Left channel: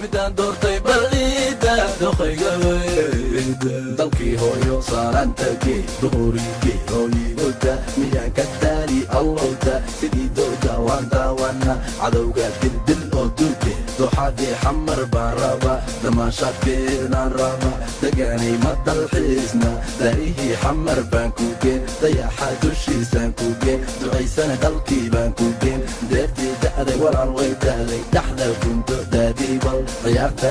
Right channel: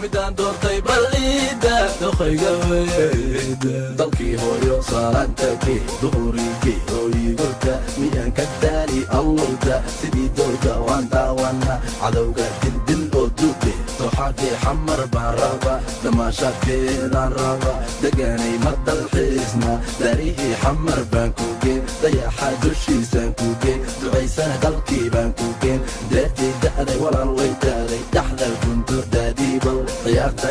midaan doortay balliida doqayga weyda dalkii hooyo saarantagee duhurigii hooyigoda miyaan ka taali allowda sidii dooda waan daawana cadowga dildil oo duuge duxadii xamar baan raba damaashaadkeedaan raba deganay ma dalxiisna daarihii xamar baan ku geen dayaxa dushiisaan ku geen ducaysana dalkii baan ku geen deertii da'day walaal way da'day dhaxda kunto daadiibal ciyaarta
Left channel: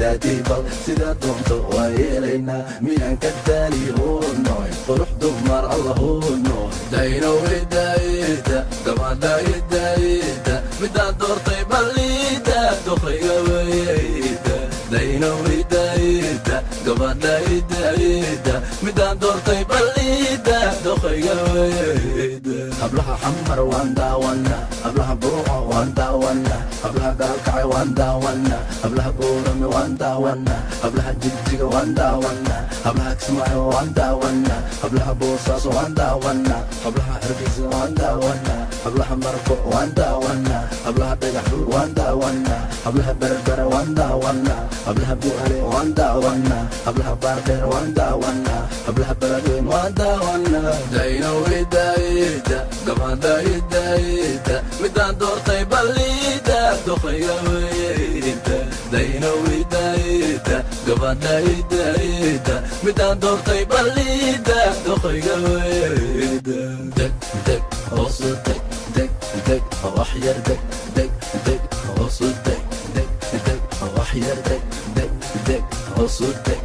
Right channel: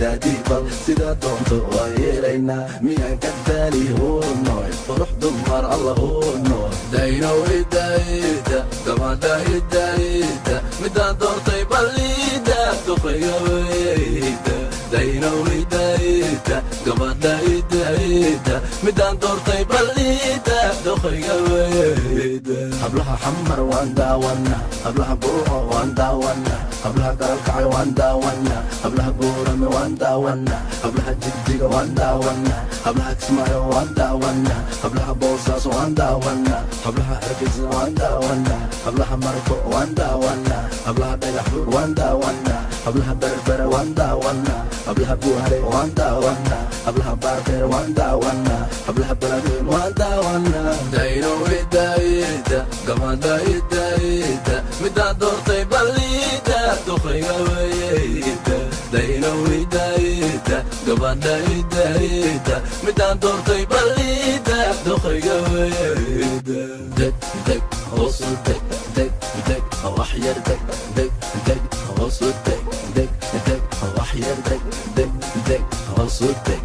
daadiibal sidaa doonto waa yeelaynaa miyaan ka daali huurnoy qurux dumar alla huurnoy daynowidayda gabadhaydayda midaan doortay balliida doqayga weyda daynowidayda gabadhaydayda midaan doortay balliida doqayga weyda hablaha xamar waan daawana hablaha buuxo waan daawana hablaha garalkacay waan daawana hablaha buurame waan daawana hablaha jigjiga waan daawana hablaha kismaayo waan daawana hablaha boosaaso waan daawana hablaha hargeysa waan daawana hablaha marko waan daawana hablaha dhagaxbuur waan daawana hablaha berbera waan daawana hablaha buuhale waan daawana hablaha baardheer waan daawana hablaha beledweyn waan daawana daynowidayda gabadhaydayda midaan doortay balliida doqayga weyda daynowidayda gabadhaydayda midaan doortay balliida doqayga weyda deg deg hoosu deg deg deg wax yar deg deg deg hoosu deg deg deg wax yar deg deg deg hoosu deg